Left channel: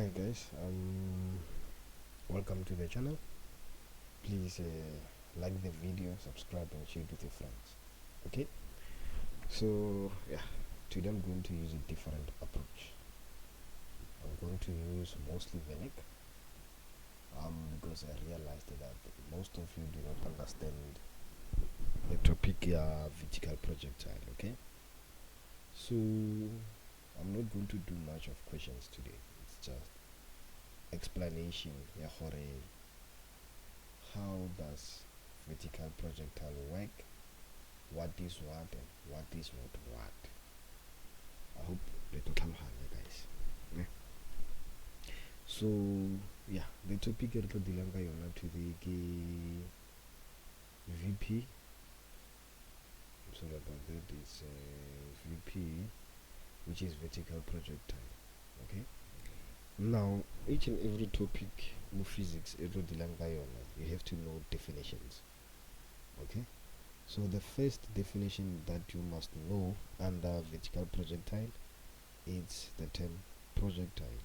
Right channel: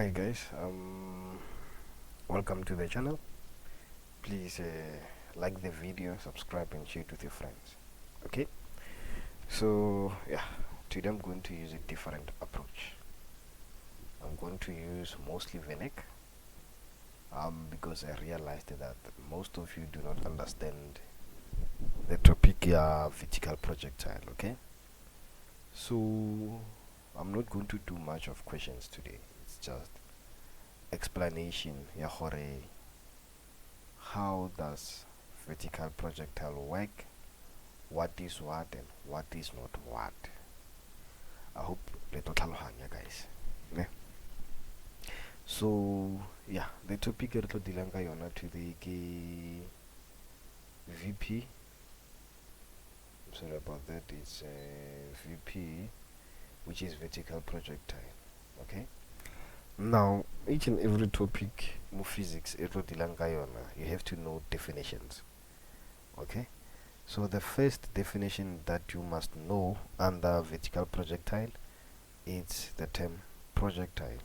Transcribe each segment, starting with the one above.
Hi guys, welcome to the channel. Please like the video, subscribe and share it with your friends. Okay, so yeah, today I'm going to use a different approach. I'm going to use mostly VNEC because I realized that most of you do not understand the topic vertical projectile. Okay, so I'm not going to do much of questions today. It's just explanation. How does vertical projectile work, what is what and what is not what. I hope le tlo tlhaloganya guys. Ne? So yeah, the topic re tlo dealing ka yona today ke VP. I'm sorry about that. It's VP, which is vertical projectile. Okay. Now each and every topic mo physics e tlo dealing ka yona, you have to know definitions. Okay. So the first definition that you must know under vertical projectile is the term projectile.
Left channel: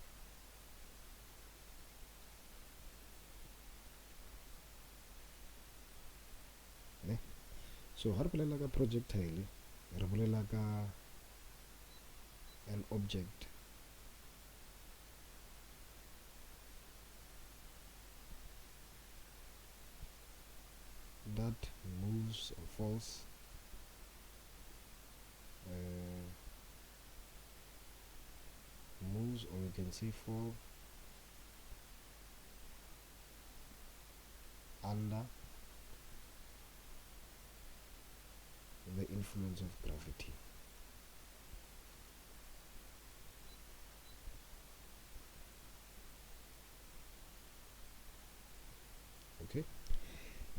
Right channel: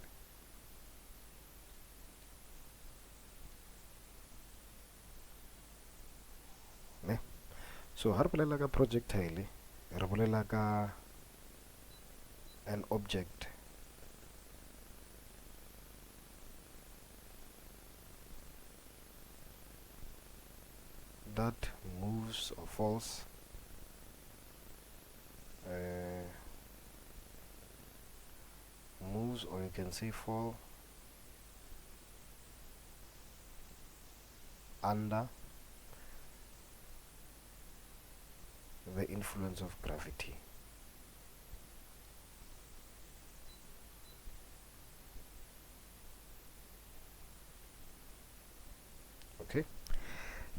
Ne? So ha re bolela ka projectile re bolela ka an object that moves or falls moves, or you can say fall under the influence of gravity. Okay,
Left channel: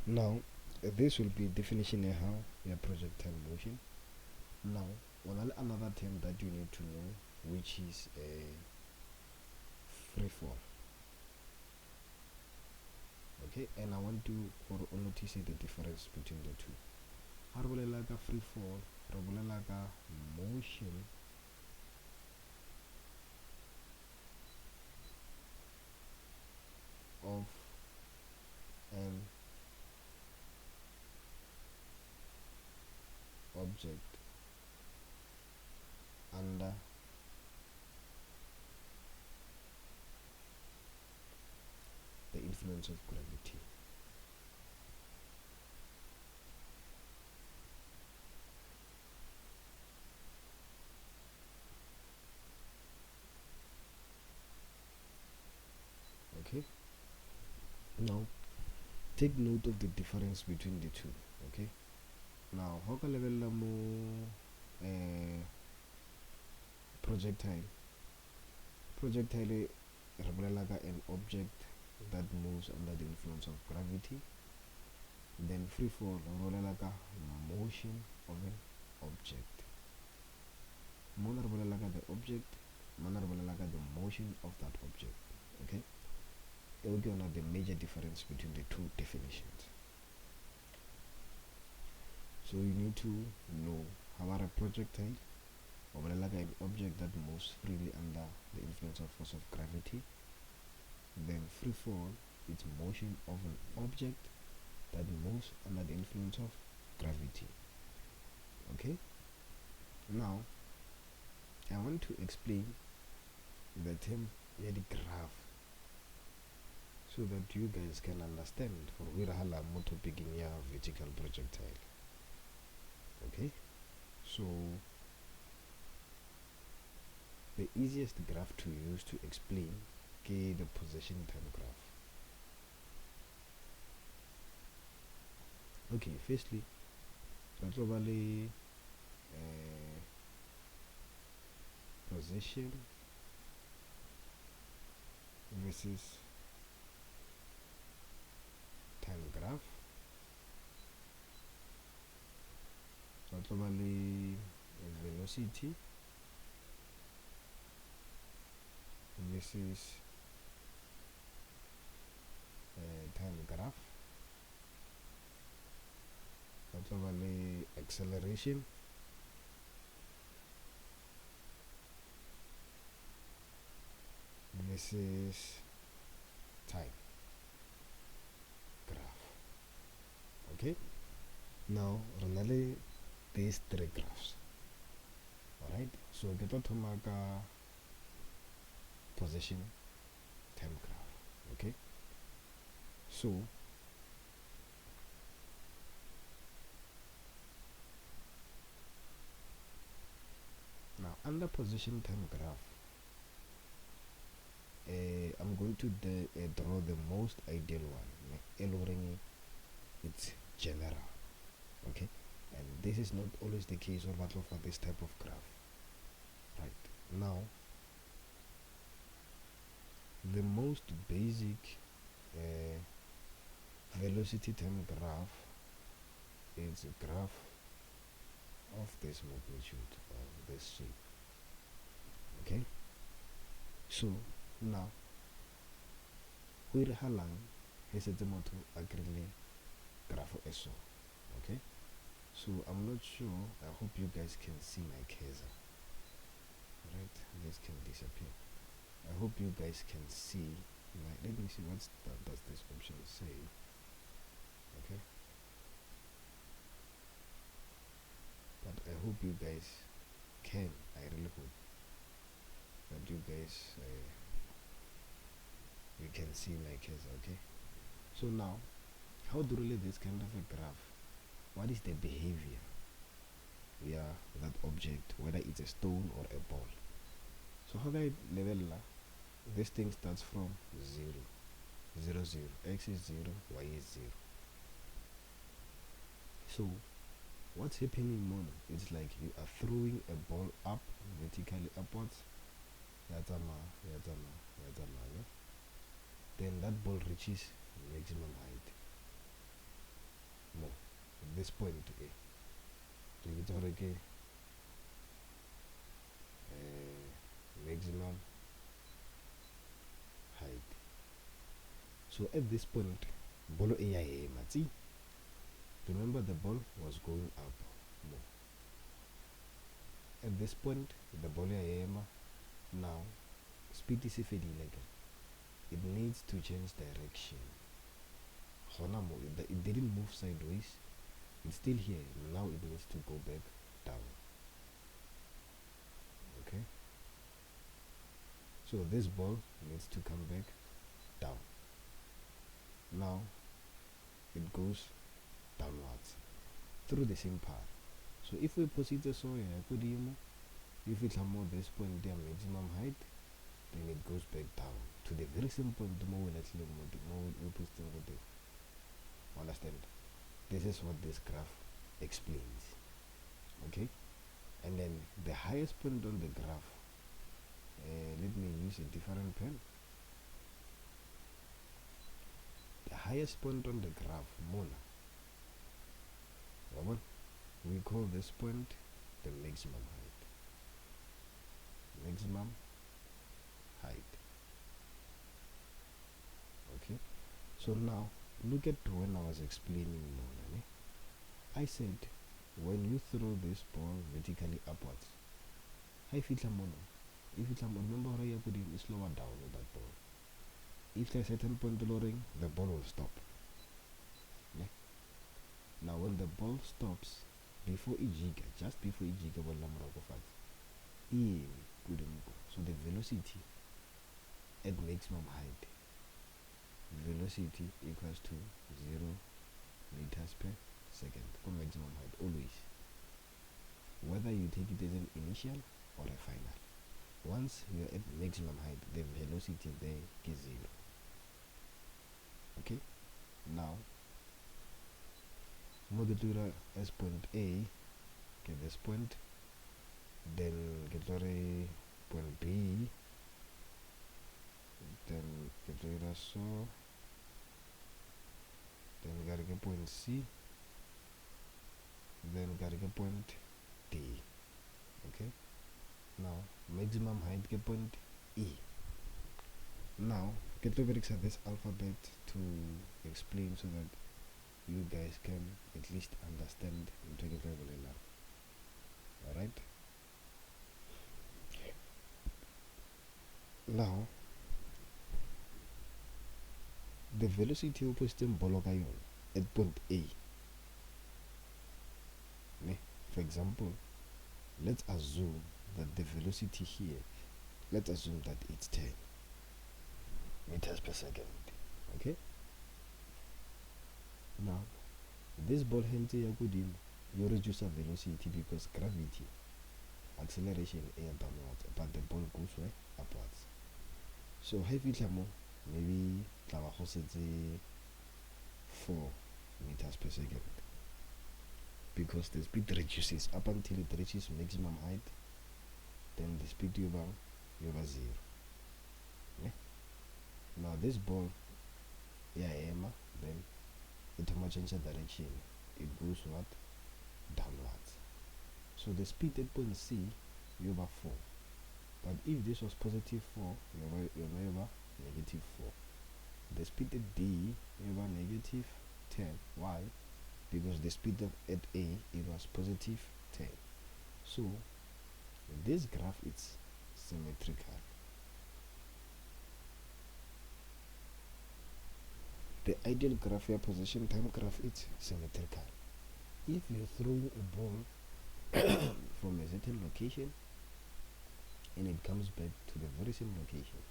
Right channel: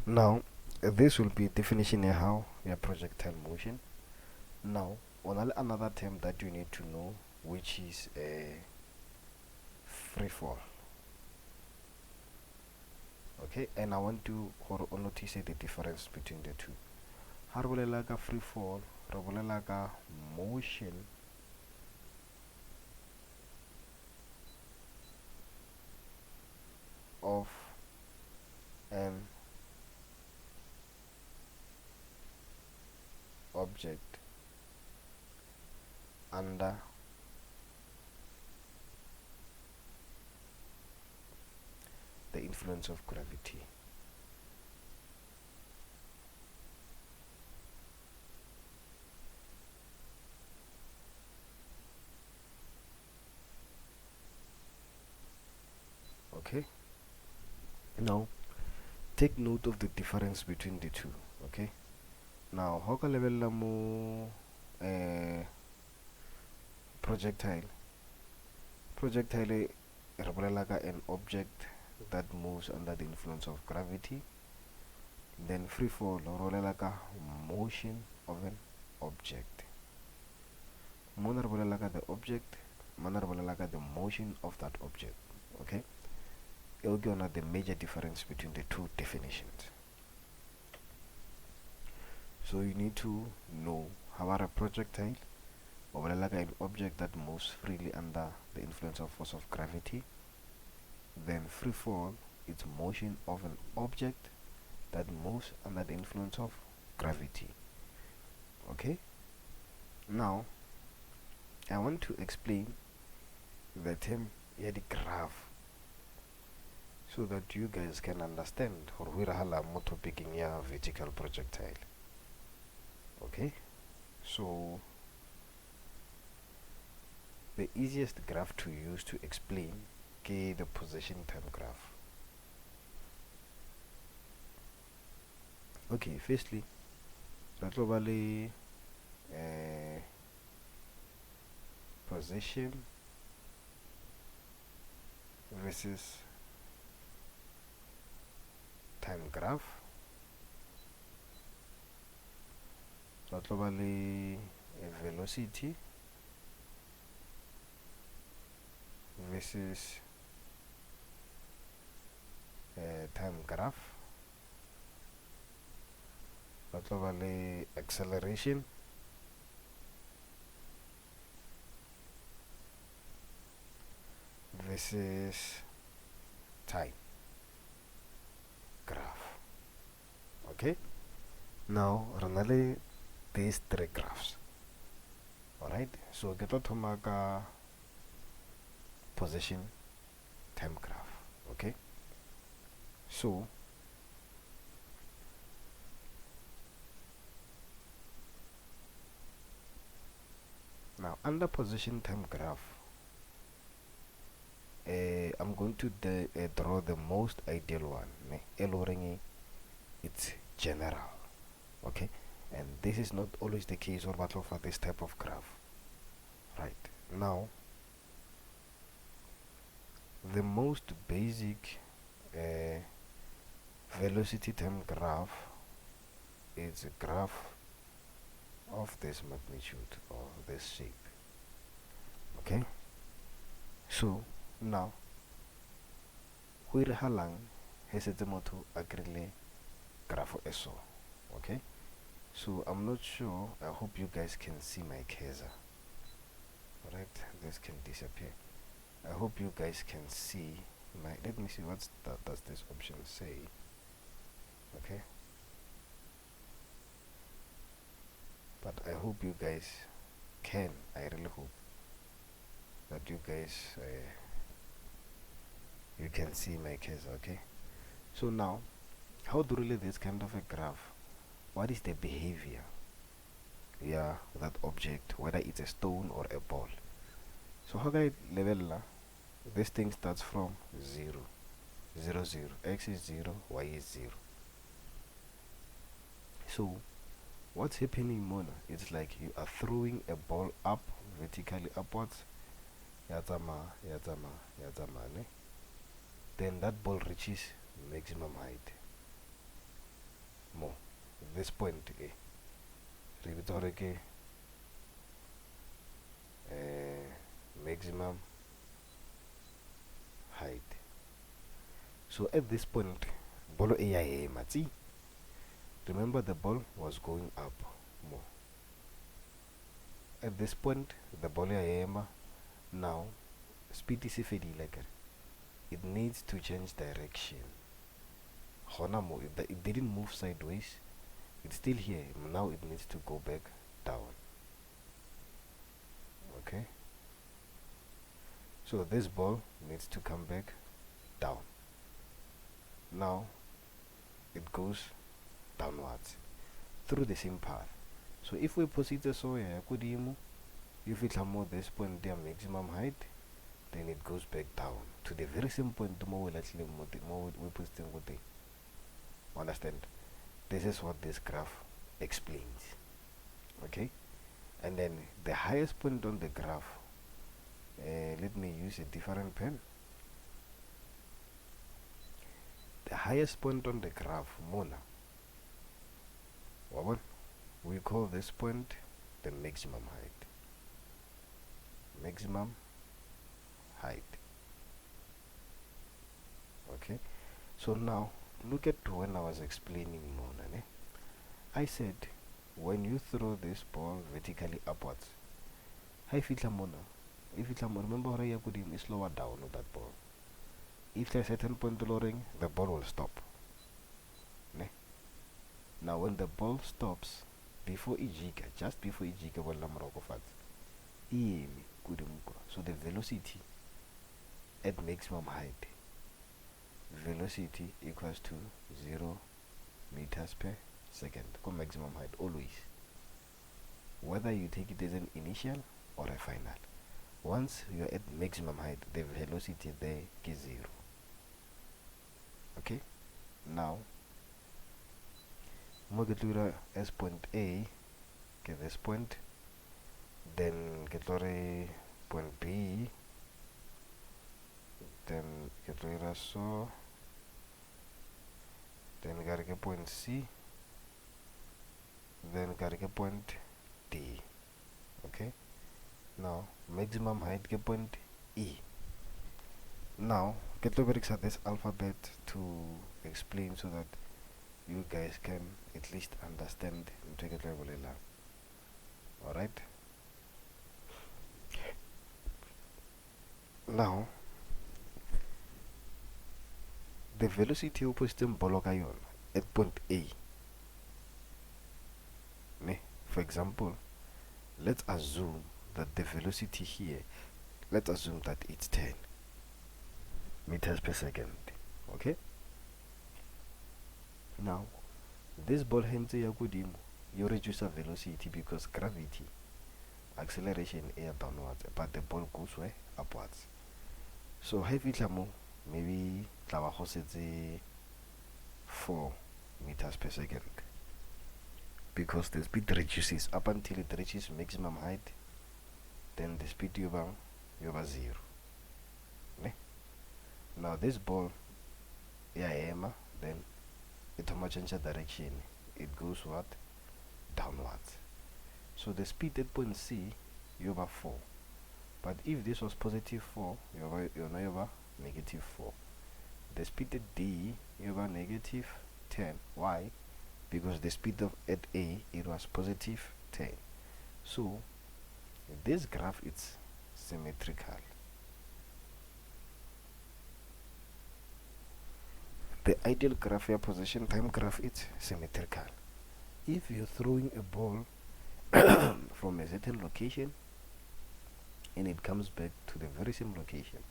now this will be definition of how a projectile motion. Now another term that you need to know, which is free fall. Okay, and I want to notice the difference between the two. Ha re bolela ka free fall, re bolela ka motion of an object under the influence of gravity. Okay, now take note of the difference between the two. Okay, now how ka lebella mo projectile re bolela ka an object that moves under the influence of gravity. Then free fall re bolela ka motion of an object. Mona re bolela ka the object, mana re bolela ka the motion of that object. Okay, it'll give the major difference between the two definitions. So you need to know how a projectile or like an object that moves freely under the influence of force of gravity. Then free fall, it's motion of an object that moves under the influence of gravity. Okay, now I want to explain the term the graph so that you guys can understand or we're more topic in your vertical projectile. Okay, so the easiest graph to use to explain is the position time graph. Okay, firstly, globally position versus time graph. Globally velocity versus time graph. Globally acceleration this is time graph. Okay, now ranale these three graphs. Alright, so get to make a position time graph. Okay, so now under position time graph, I'm going to draw the most ideal one. It's general. Okay, and this is not always the case or battle for this type of graph. Right, now the most basic velocity time graph is a graph of this magnitude or this shape. Okay, so now we halang has a moto agree graph eso. Okay, so I'm not sure, I hope you guys can see my cursor. Alright, this can disappear. I hope you guys can see my, let me see what does this option say. Okay, but I hope you guys can, I really hope that you guys you can see my cursor. Okay, so now how to relate this kind of a graph? What is the behavior, yeah, that object, whether it's a stone or a ball? So how can I level this thing starts from 0, 0, 0, x is 0, y is 0. So what's happening, Mona? It's like you are throwing a ball up, vertically upwards. Yatama, yatama, yatama, ne? Then that ball reaches maximum height. More. This point, maximum height. So at this point, ball mati. Remember the ball was going up more. At this point, the ball now speed is like it needs to change direction. It didn't move sideways. It's still here. Now it needs to go back down. Okay. So this ball needs to come back down. Now it goes downwards through the same path. So if we proceed so if it more this point their maximum height, then it goes back down to the very same point more we actually understand. This is what this graph explains. Okay, and then the highest point on the graph, let me use a different pen. The highest point on the graph, Mona, we call this point the maximum height. Maximum height. Okay, so now look at when I was explaining Mona. I said when you throw this ball vertically upwards, if it's remember how you could slower down with that ball. If there's a certain point lowering, the ball will stop. Now when the ball stops, before just before so the velocity at maximum height, velocity equals to 0 meters per second, maximum height always, whether you take it as an initial or a final. Once you're at maximum height, the velocity there is 0. Okay, now Mogatura as point A, get this point, then get point B, then get so, then gotta get point C, then gotta get point D. Okay, now maximum height get point E. Now get over this alphabet to explain so that you guys can at least understand. Alright, now the velocity opposite boloka yon at point A. For example, let's assume that the velocity here, let's assume that it's 10 meters per second. Okay? Now, this ball hence you reduce the velocity because gravity, acceleration is downwards, but the ball goes where? Upwards. So heavy maybe 4 meters per second. Because the speed reduces up until it reaches maximum height, then the speed over 0. Now this ball, then it will change direction. It goes what? Downwards. So the speed at point C, you over 4. But if this was positive 4, you're now over negative 4. The speed at D, you over negative 10. Why? Because the speed of at A, it was positive 10. So this graph is symmetrical. The ideal graph, your position time graph, is symmetrical. If you're throwing a ball from a certain location and it comes back to the very same location,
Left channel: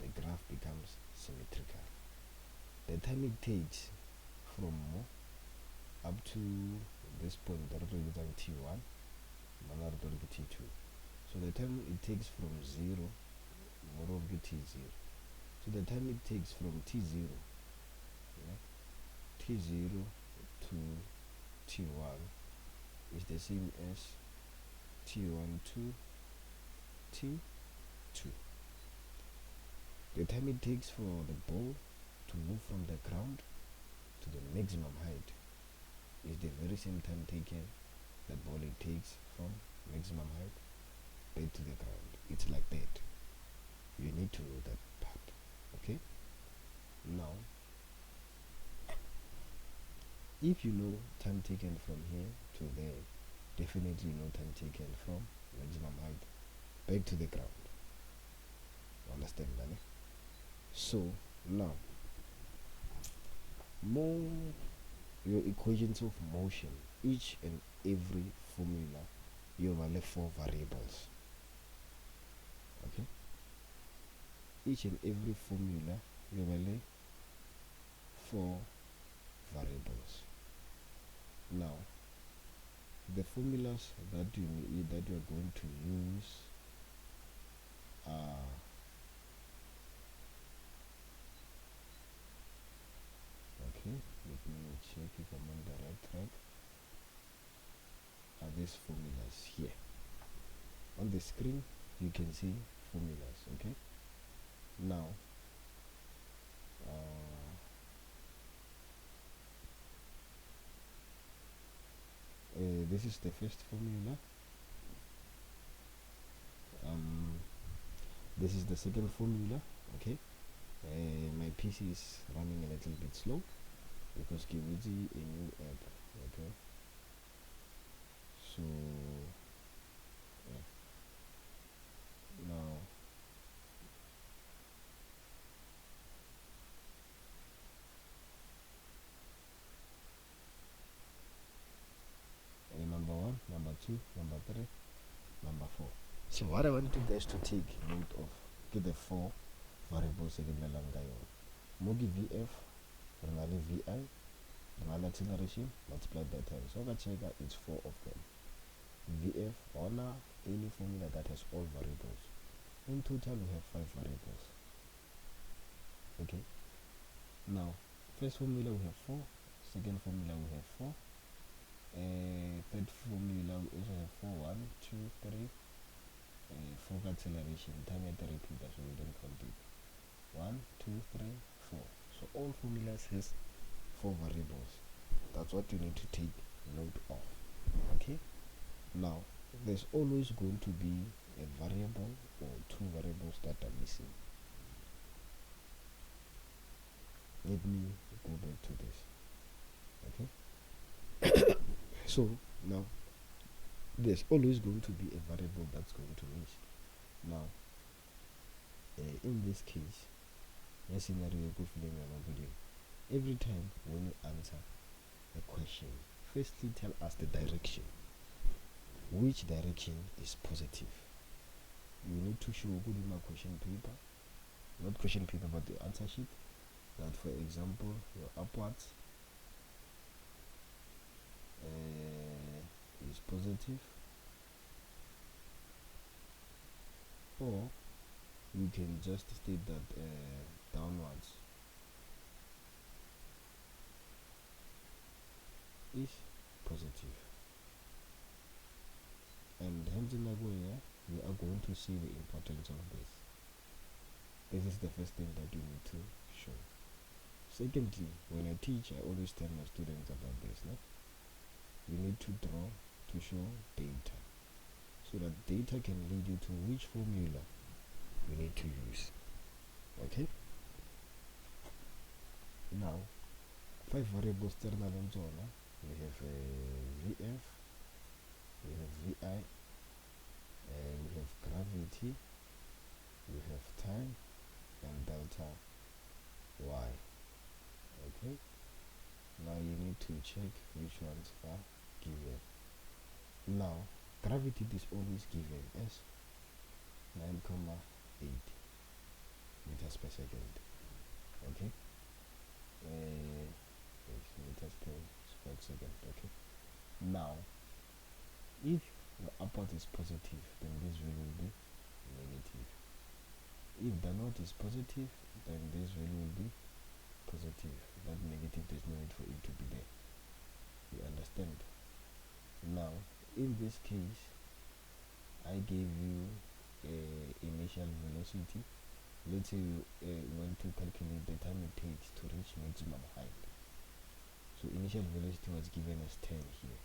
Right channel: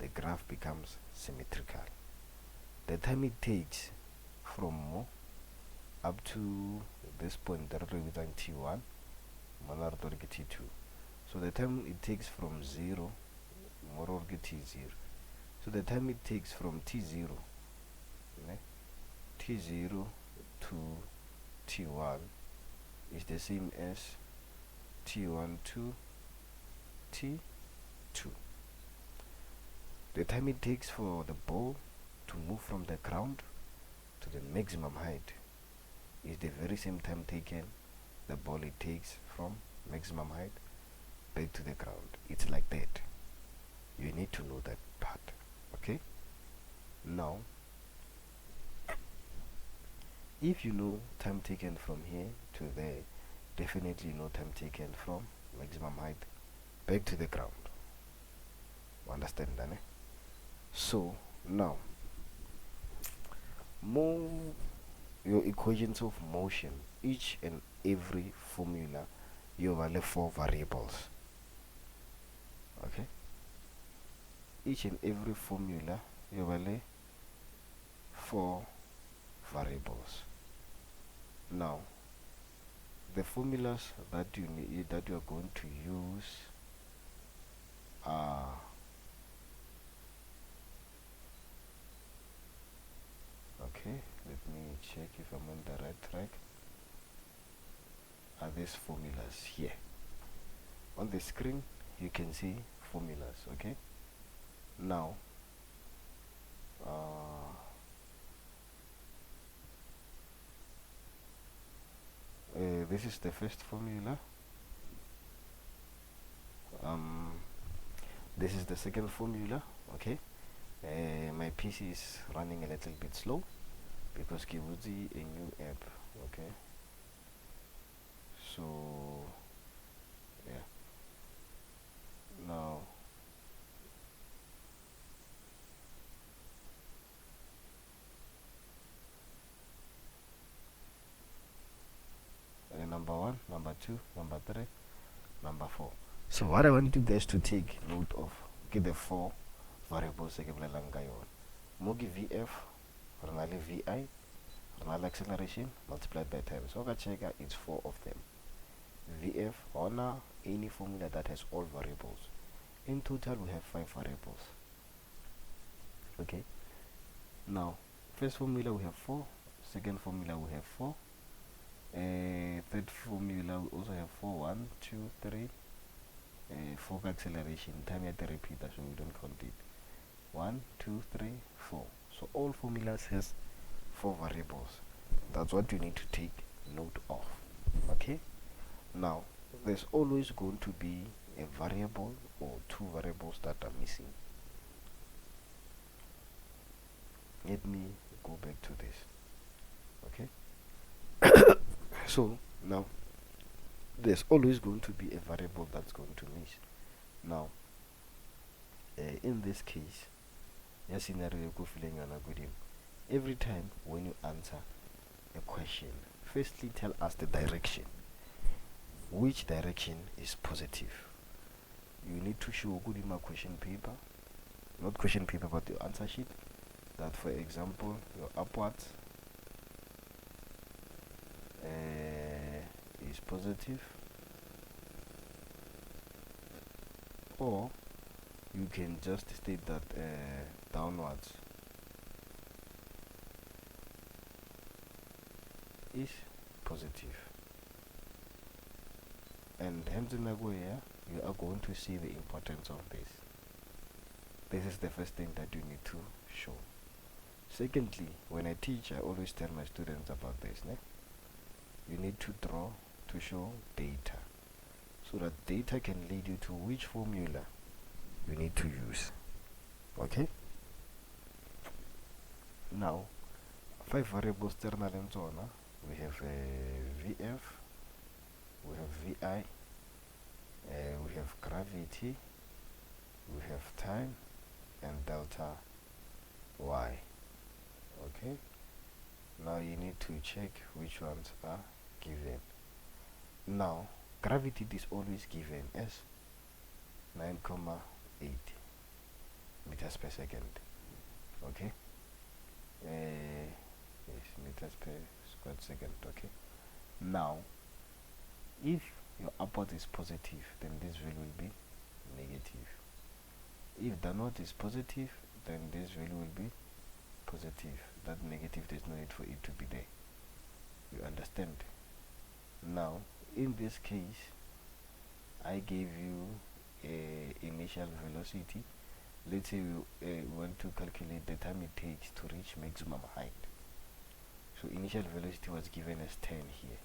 the graph becomes symmetrical. The time it takes from up to this point that represents T1, T2. So the time it takes from 0, T0. So the time it takes from T0 to T1 is the same as T1 to T2. The time it takes for the ball to move from the ground to the maximum height is the very same time taken the ball it takes from maximum height back to the ground. It's like that. You need to know that part. Okay? Now, if you know time taken from here to there, definitely know time taken from maximum height back to the ground. Understand that? So now, move your equations of motion. Each and every formula, you have 4 variables. Okay? Each and every formula, you have 4 variables. Now, the formulas that you need, that you are going to use are okay. Let me check if I'm on the right track. Are these formulas here on the screen? You can see formulas. Okay. Now, this is the first formula. This is the second formula. Okay. My PC is running a little bit slow because Kibuzi a new app. Okay. So yeah. Now number 1, number 2, number 3, number 4. So what I want you guys to take note of, give the 4 variables Mogi VF, Renali VI, Renali acceleration multiplied by time. So check it's 4 of them. VF honor any formula that has all variables. In total we have 5 variables. Okay. Now, first formula we have 4, second formula we have 4. Third formula we also have 4, 1, 2, 3, 4 acceleration, time at the repeater, so we don't count it. 1, 2, 3, 4. So all formulas has 4 variables. That's what you need to take note of. Okay. Now, there's always going to be a variable or 2 variables that are missing. Let me go back to this. Okay. So now there's always going to be a variable that's going to miss. Now in this case ya scenario ko fileng yona godimo. Every time when you answer a question, firstly tell us the direction. Which direction is positive? You need to show good in my question paper, not question paper but the answer sheet, that for example your upwards is positive, or you can just state that downwards is positive. And hence in here you are going to see the importance of this. This is the first thing that you need to show. Secondly, when I teach, I always tell my students about this. You need to draw to show data, so that data can lead you to which formula you need to use. Okay? Now, 5 variables terminal and so on. We have VF, we have VI, we have gravity, we have time, and delta Y. Okay? Now you need to check which ones are given. Now, gravity is always given as 9,8 meters per second. Okay? Yes, meters per square second. Okay? Now, if your upward is positive, then this value will be negative. If the north is positive, then this value will be positive. That negative, there's no need for it to be there. You understand? Now, in this case, I gave you initial velocity. Let's say we want to calculate the time it takes to reach maximum height. So initial velocity was given as 10 here.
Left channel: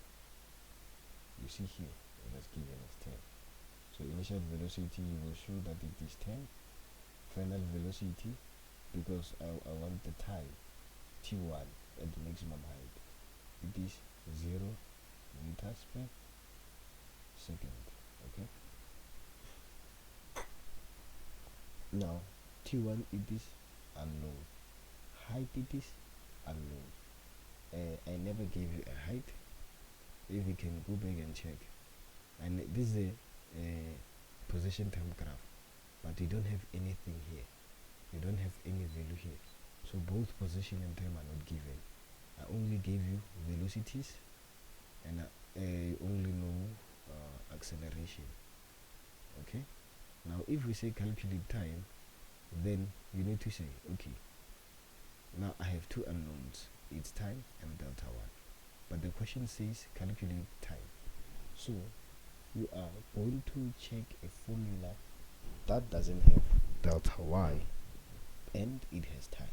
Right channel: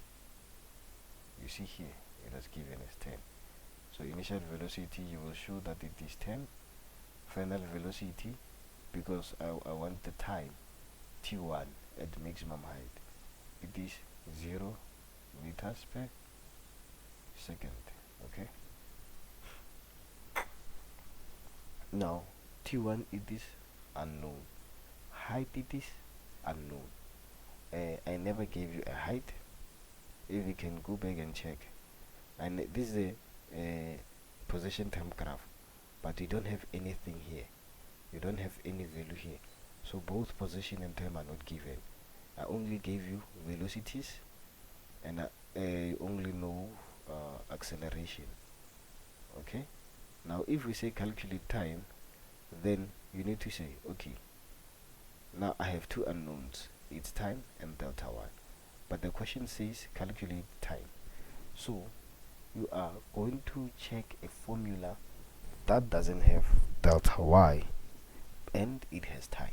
You see here, it was given as 10. So initial velocity, you will show that it is 10. Final velocity, because I want the time, T1 at maximum height, it is 0 meters per second. Okay? Now, T1 it is unknown. Height it is unknown. I never gave you a height. If you can go back and check. And this is a position time graph, but you don't have anything here. You don't have any value here. So both position and time are not given. I only gave you velocities, and I only know acceleration. Okay? Now if we say calculate time, then you need to say, okay, now I have two unknowns, it's time and delta y, but the question says calculate time. So you are going to check a formula that doesn't have delta y and it has time.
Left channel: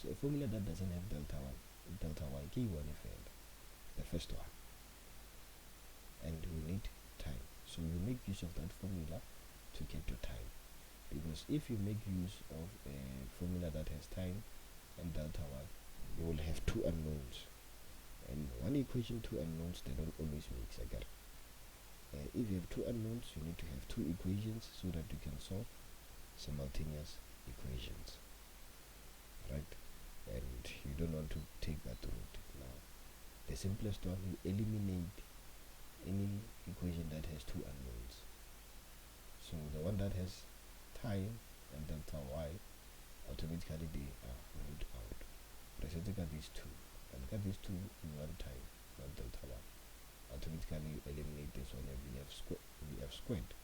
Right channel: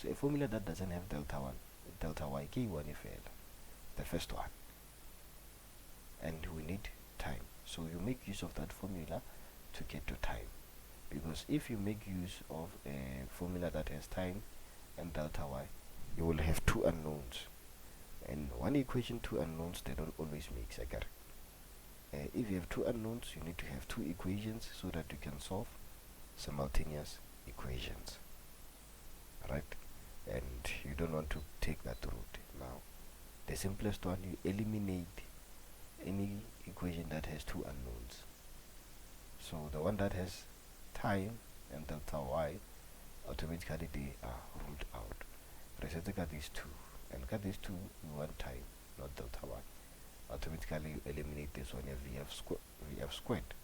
So a formula that doesn't have delta y, K1 the first one, and we need time. So you make use of that formula to get your time, because if you make use of a formula that has time and delta y, you will have two unknowns, and one equation, two unknowns, they don't always mix. If you have two unknowns, you need to have two equations so that you can solve simultaneous equations, right? And you don't want to take that route. Now the simplest one, you eliminate any equation that has two unknowns. So the one that has time and delta y, automatically they are ruled out. Reset these two, and cut these two, we want time, not delta y. Automatically you eliminate this one, vf squared,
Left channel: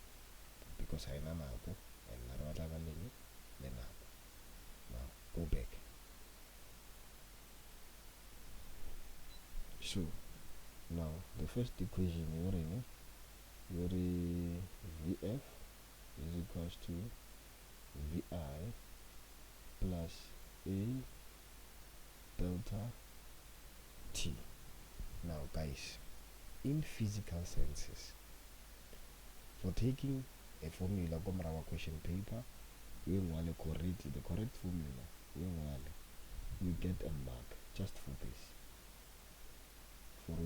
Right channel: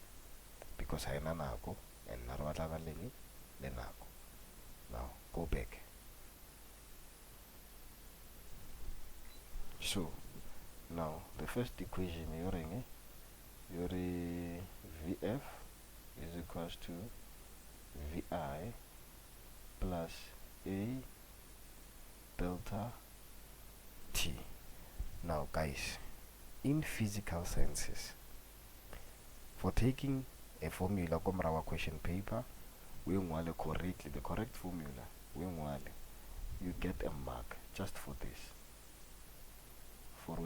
because I nanako and narwatlagale lenako. Now go back. So now the first equation, your vf is equals to vi plus a delta t. Now guys, in physical sciences, for taking a formula from our question paper, we want correctly the correct formula, you get a mark just for this. For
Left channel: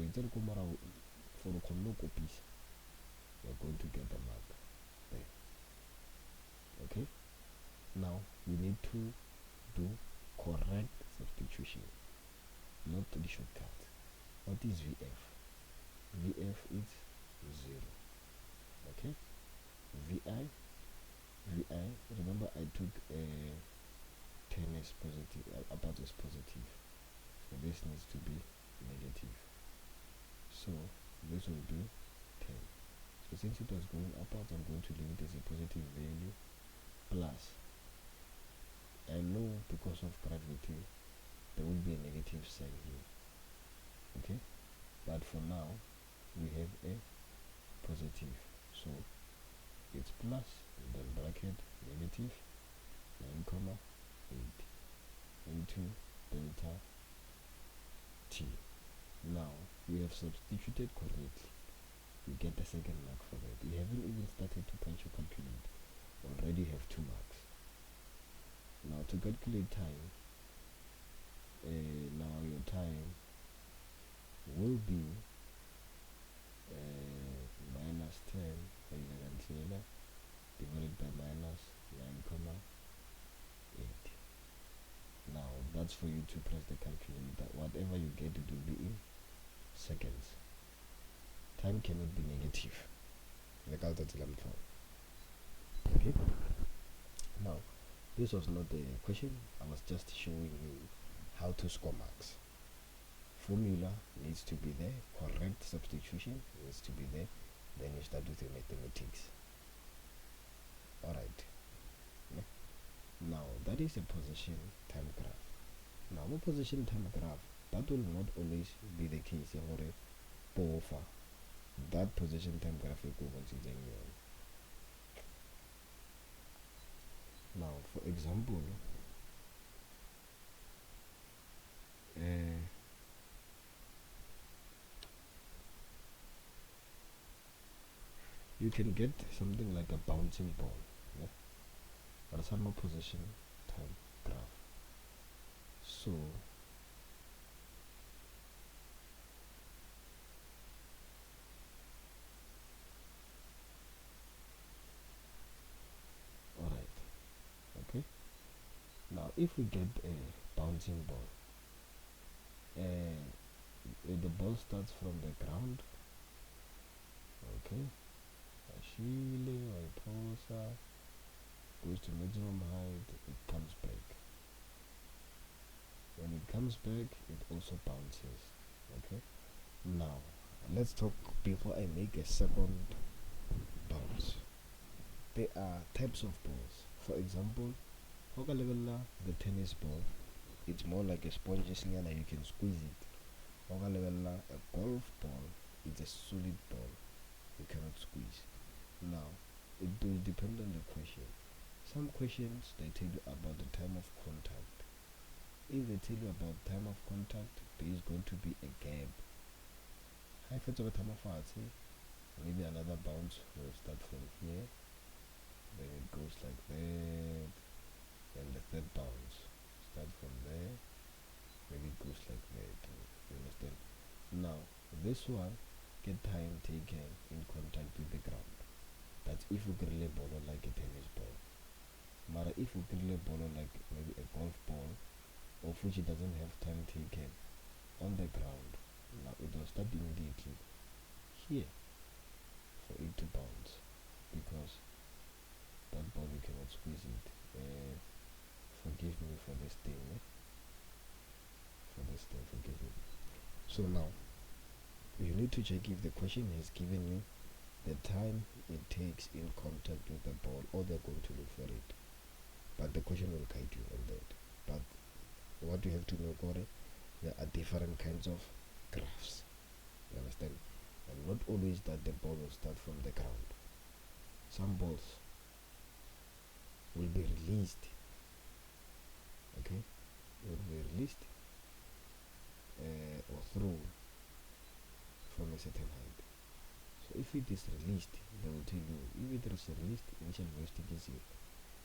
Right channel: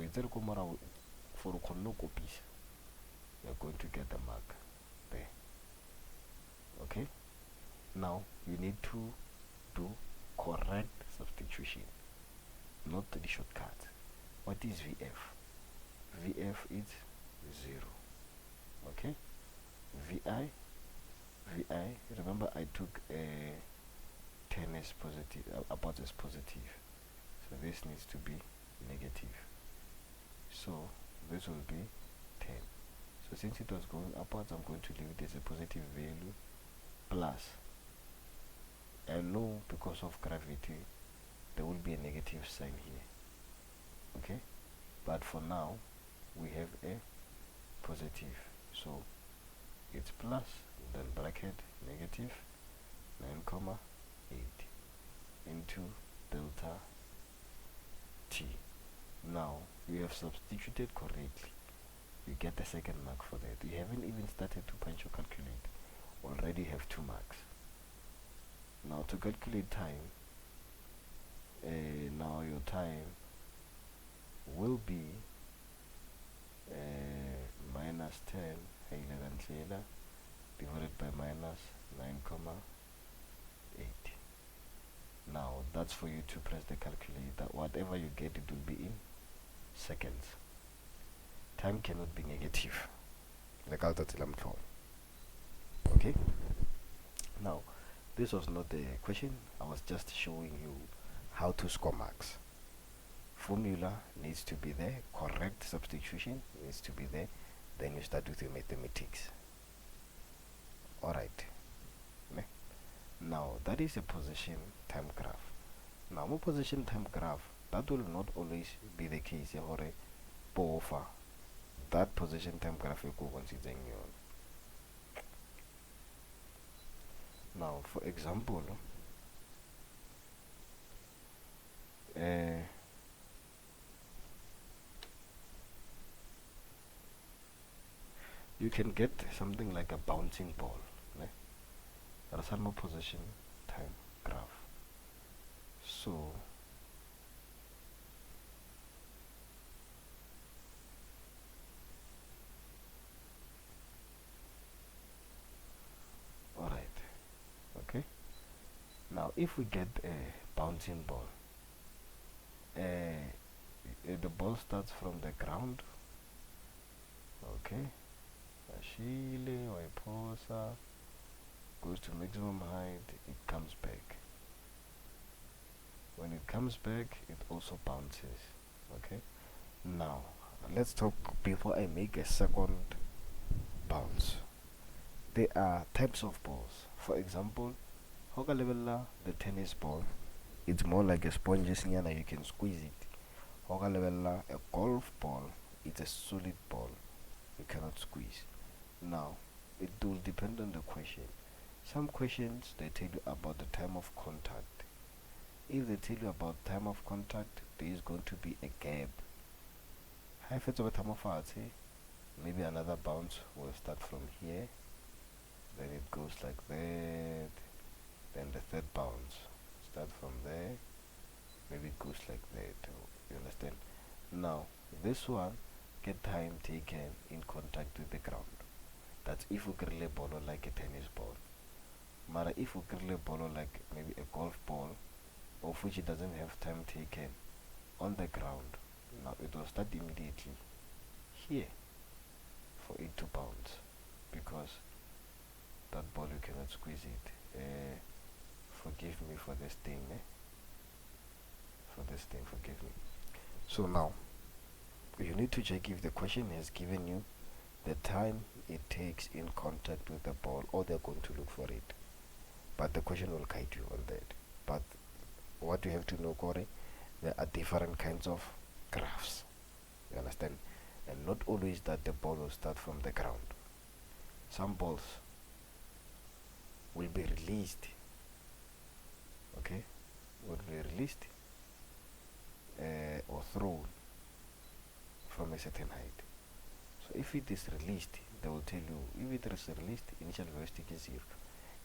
copies, you're going to get a mark there. Okay? Now you need to do correct substitution, not the shortcut. What is VF? VF is 0. Okay, VI, remember I took a 10 as positive, about as positive, so this needs to be negative, so this will be 10. So since it was going upwards, I'm going to leave it as a positive value, plus I know because of gravity there will be a negative sign here. Okay, but for now we have a positive, so it's plus, then bracket negative 9,8 into delta t. Now we have substituted correctly, you get a second mark for that. You haven't even started to punch or calculate, already have 2 marks. Now to calculate time, now your time will be minus 10 divided by minus 9,8. Now that's for you to press the calculator. Whatever you get, it will be in seconds. Time cannot be negative. Okay, now this was not the question, I was just showing you how to score marks. Formula needs to be there, correct substitution needs to be there, then you start with your mathematics. Alright, now that is a position time graph. Now more position time graph, that will not always be the case. That position time graph now, for example, you can get something like a bouncing ball. That's no position time graph. So alright, okay, now if we get a bouncing ball, the ball starts from the ground, okay, goes to maximum height, it comes back. When it comes back, it also bounces. Okay, now let's talk before I make a second bounce. There are types of balls. For example, the tennis ball, it's more like a sponge, you can squeeze it. A golf ball, it's a solid ball, you cannot squeeze. Now it will depend on the question. Some questions they tell you about the time of contact. If they tell you about time of contact, there is going to be a gap. Maybe another bounce will start from here, then it goes like that, then the third bounce start from there, maybe it goes like that. You understand? Now this one, get time taken in contact with the ground. That's if we grill a ball like a tennis ball. Mara if we grill a ball like maybe a golf ball, of which it doesn't have time taken on the ground, now it will start immediately here for it to bounce, because that ball you cannot squeeze it. Forgive me for this thing, forgive me. So now you need to check if the question has given you the time it takes in contact with the ball, or they're going to look for it, but the question will guide you on that. But what you have to know, Corey, there are different kinds of graphs, you understand, and not always that the ball will start from the ground. Some balls will be released, okay, or thrown from a certain height. So if it is released, they will tell you, if it is released, initial velocity is 0.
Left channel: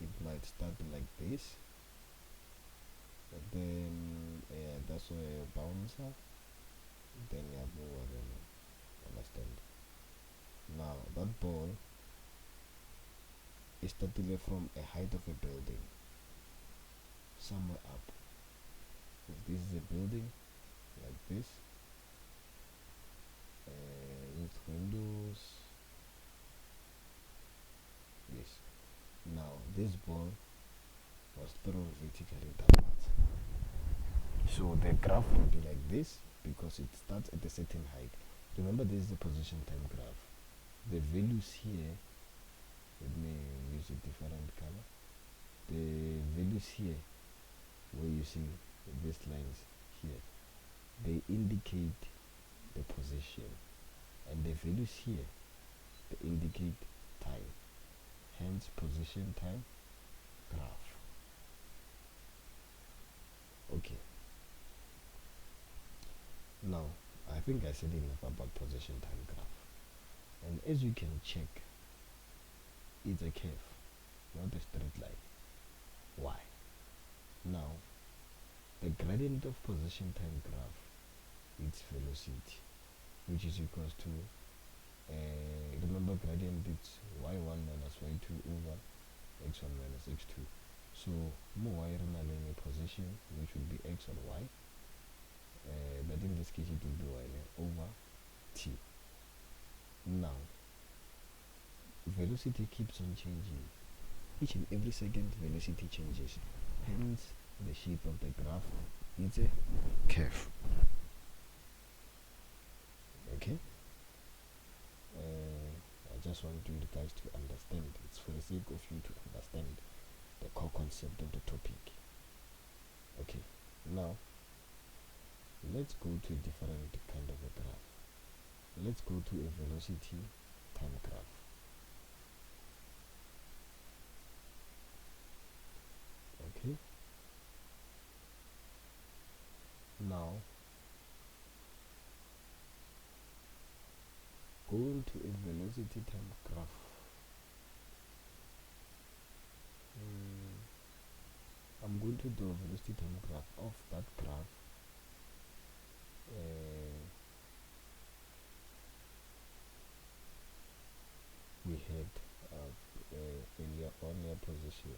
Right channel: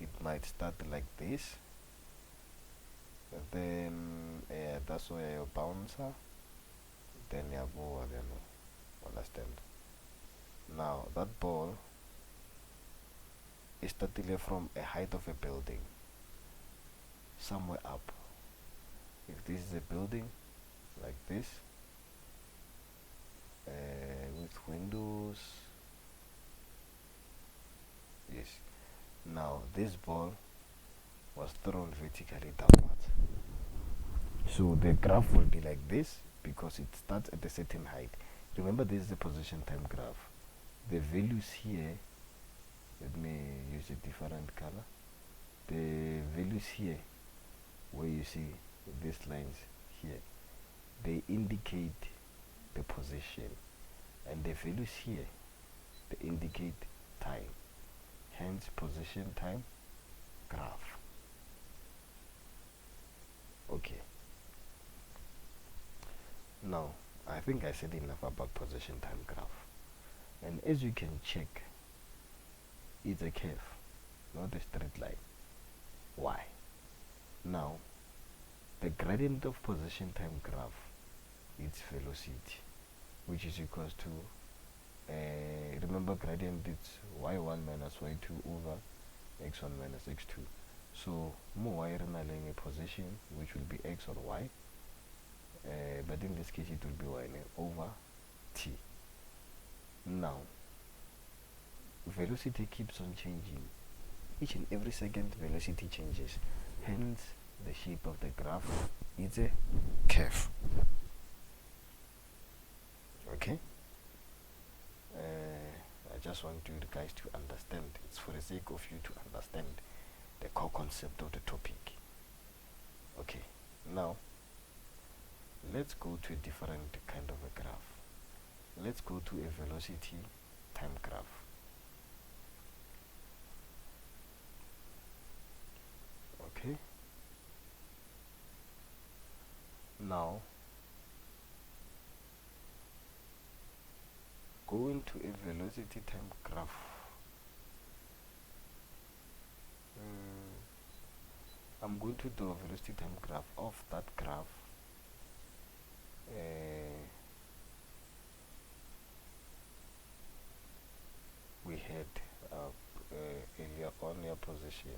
It might start like this, and then that's why your bouncer, then your ball, understand. Now that ball is starting from a height of a building. somewhere up. If this is a building like this, with windows, yes. Now this ball was thrown vertically downwards. So the graph will be like this because it starts at a certain height. Remember, this is the position time graph. The values here, let me use a different color. The values here, where you see these lines here, they indicate the position, and the values here, they indicate time. Hence, position time graph. Okay. Now, I think I said enough about position time graph. And as you can check, it's a curve, not a straight line. Why? Now, the gradient of position time graph is velocity, which is equals to, remember gradient is y1 minus y2 over x1 minus x2. So, more y in a position, which will be x or y, but in this case it will be y over t. Now, velocity keeps on changing. Each and every second velocity changes. Hence, the shape of the graph is a curve. Okay? I just want you guys to understand. It's for the sake of you to understand the core concept of the topic. Okay, now let's go to a different kind of a graph. Let's go to a velocity time graph. Okay, now go into a velocity time graph. I'm going to draw a velocity time graph of that graph. We had earlier on your position.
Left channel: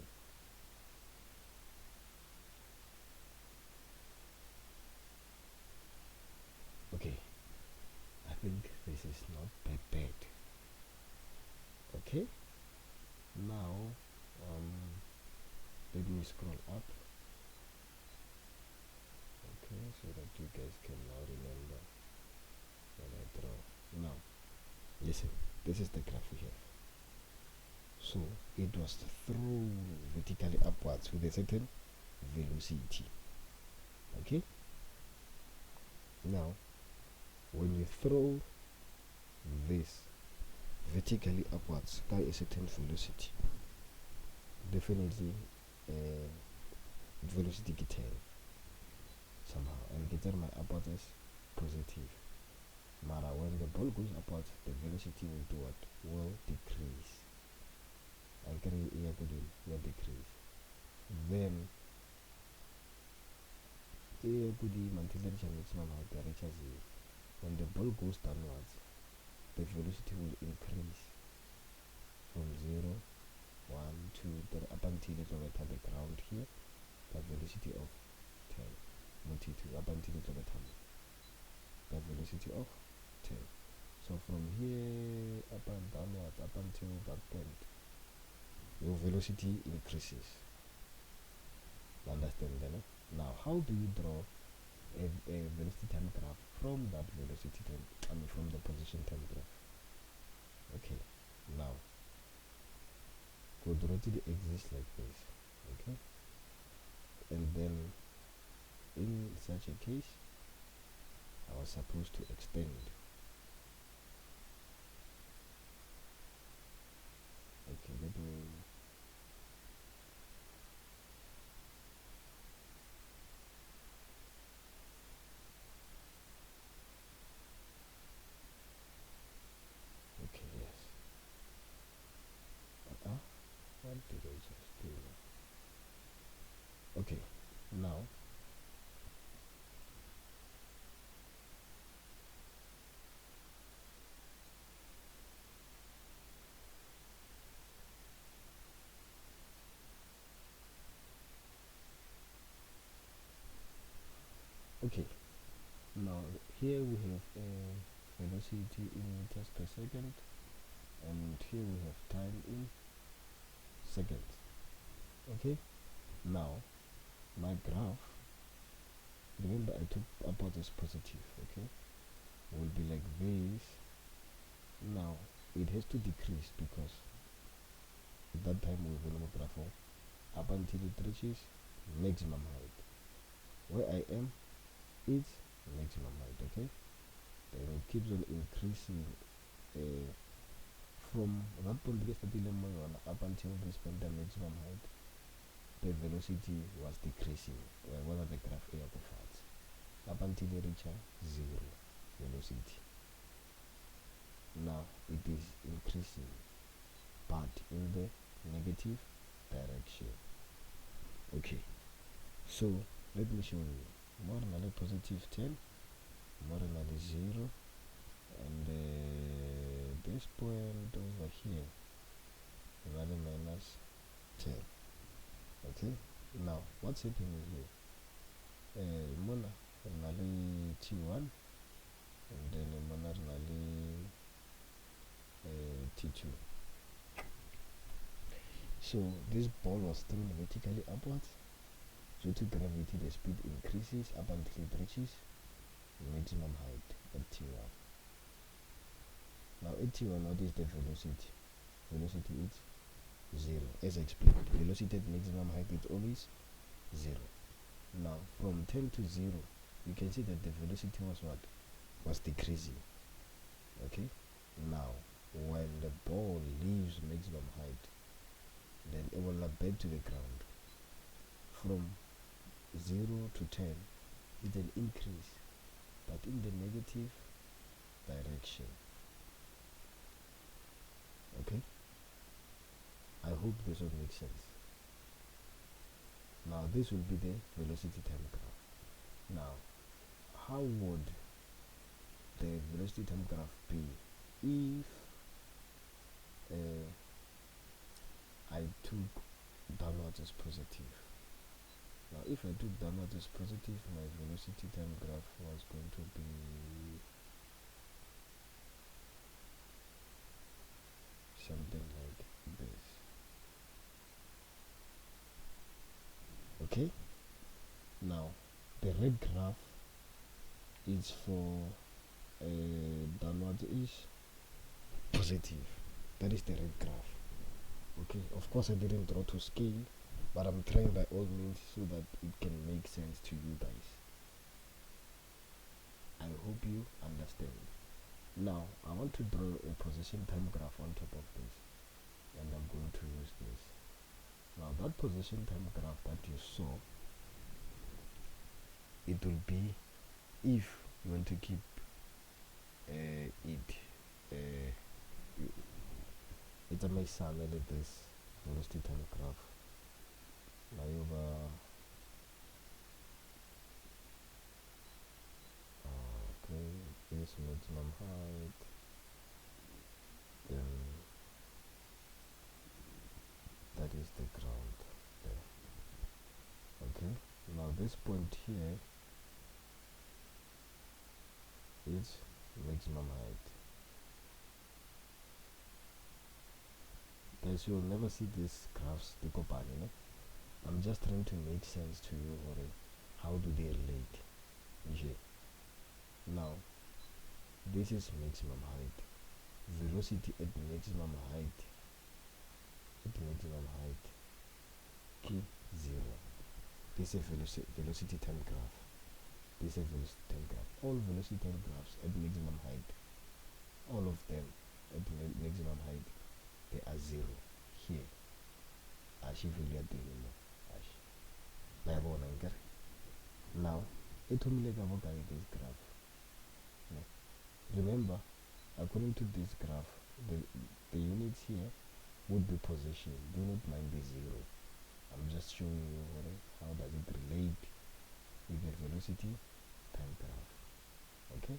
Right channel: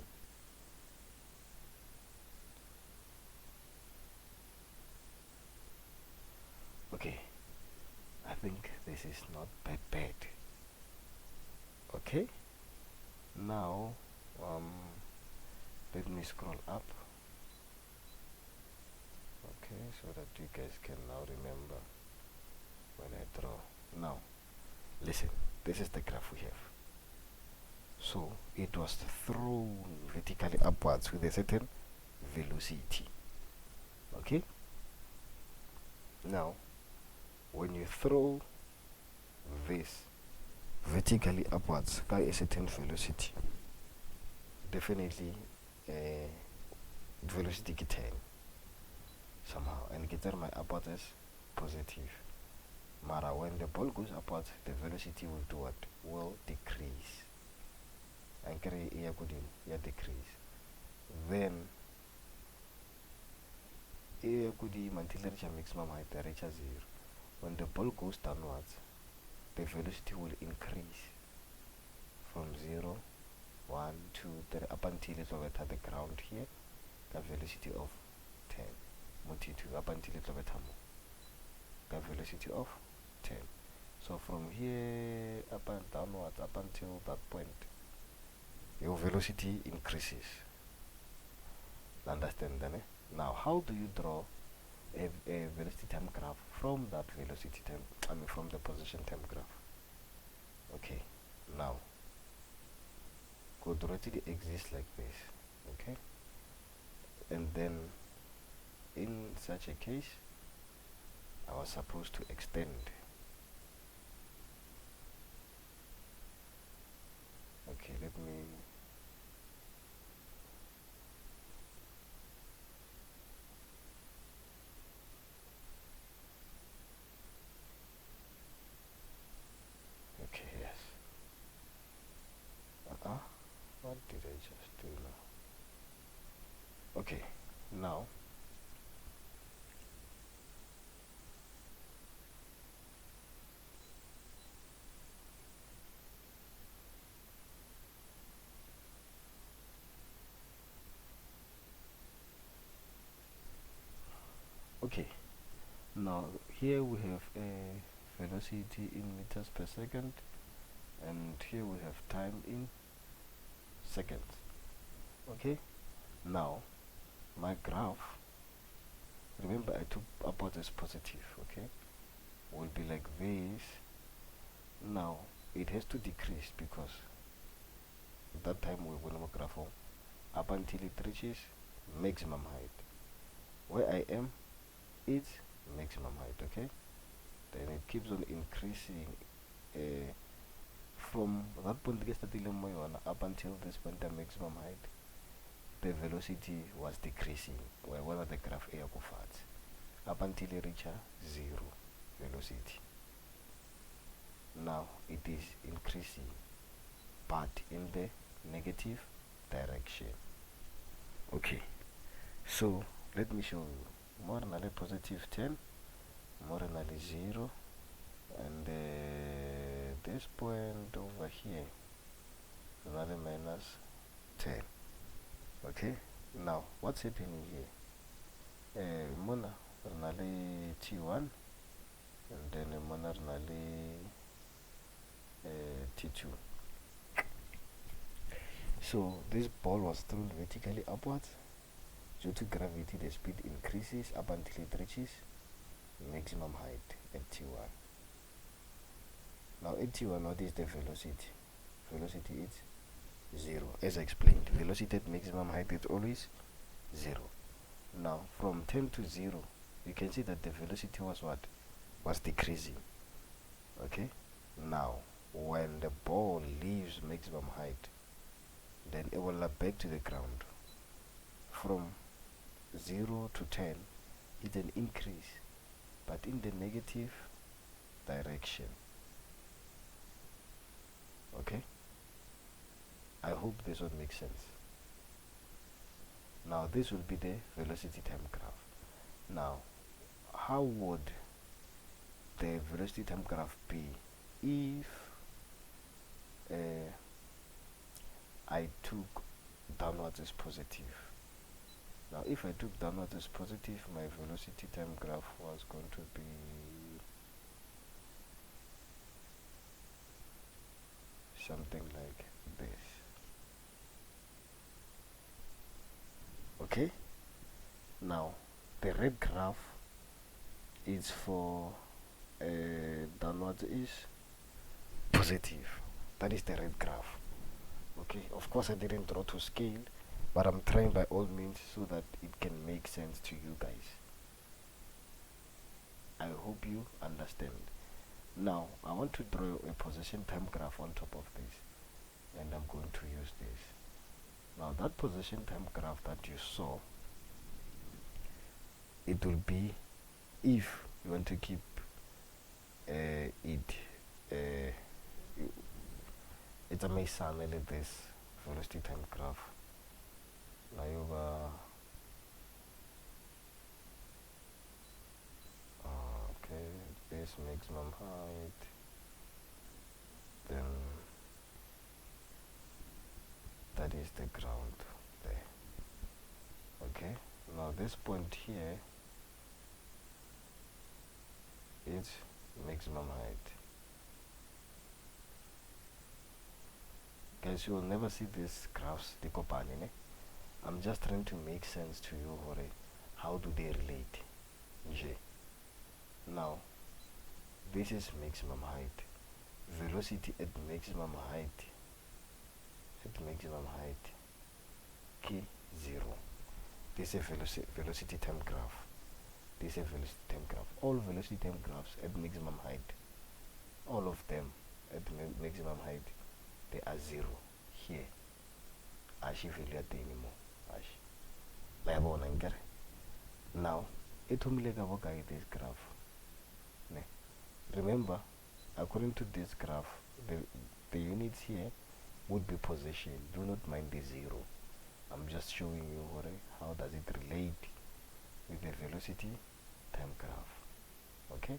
Okay, I think this is not that bad. Okay, now let me scroll up. Okay, so that you guys can now remember when I draw. Now, listen, this is the graph we have. So it was thrown vertically upwards with a certain velocity. Okay, now when you throw this vertically upwards by a certain velocity, definitely velocity get 10 somehow, and get my upwards is positive. Mara, when the ball goes upwards, the velocity will do what? Will decrease. And decrease. Then until it reaches maximum height, it reaches 0. When the ball goes downwards, the velocity will increase from 0, 1, 2, 3, up until it will enter the ground here, the velocity of 10. 2, up until it will enter the velocity of 10. So from here up and downwards, up until that point, your velocity increases. Understand then? Now, how do you draw a velocity time graph from that velocity time, from the position time graph? Okay, now, could already exist like this, okay? And then, in such a case, I was supposed to extend. Okay, let me... Okay, yes. What did I just do now? Okay, now here we have a velocity in meters per second, and here we have time in seconds. Okay, now my graph, remember I took upward as positive, okay, will be like this. Now it has to decrease because at that time we will graph up until it reaches maximum height. Where I am, it's maximum height, okay? Then it keeps on increasing from that point up until this point, the maximum height. The velocity was decreasing wherever the graph air goes up until it reaches zero velocity. Now it is increasing, but in the negative direction. Okay, so let me show you. More than a positive 10, more than a 0, and this point over here is minus 10. Okay, now what's happening here? Mona renale T1, and then mona renale T2. So this ball was thrown vertically upwards. Due to gravity, the speed increases up until it reaches maximum height at T1. Now at T1, what is the velocity? Velocity is 0. As I explained, velocity at maximum height is always 0. Now from 10 to 0, you can see that the velocity was what? Was decreasing. Okay? Now when the ball leaves maximum height, then it will back to the ground. From 0 to 10, it's an increase, but in the negative direction. Okay, I hope this will make sense. Now this will be the velocity time graph. Now how would the velocity time graph be if I took downwards as positive? Now if I took downwards as positive, my velocity time graph was going to be something like this. Okay, now the red graph is for downwards is positive. That is the red graph. Okay, of course I didn't draw to scale, but I'm trying by all means so that it can make sense to you guys. I hope you understand. Now I want to draw a position time graph on top of this, and I'm going to use this. Now that position time graph that you saw, it will be, if you want to keep it's a mesan like this velocity time graph. Now okay, this maximum height, then that is the ground there. Okay, now this point here is maximum height. Guys, you will never see these graphs decopane. I'm just trying to make sense to you. How do they relate? Now this is maximum height. Velocity at maximum height. Key 0. This is a velocity time graph. This is a velocity time graph. All velocity time graphs at maximum height, all of them at maximum height, they are 0 here. Ashi value at anymore. Now it will make this graph. Remember, according to this graph, the units here would be position. Do not mind the 0. I'm just showing you how does it relate with the velocity time graph. Okay,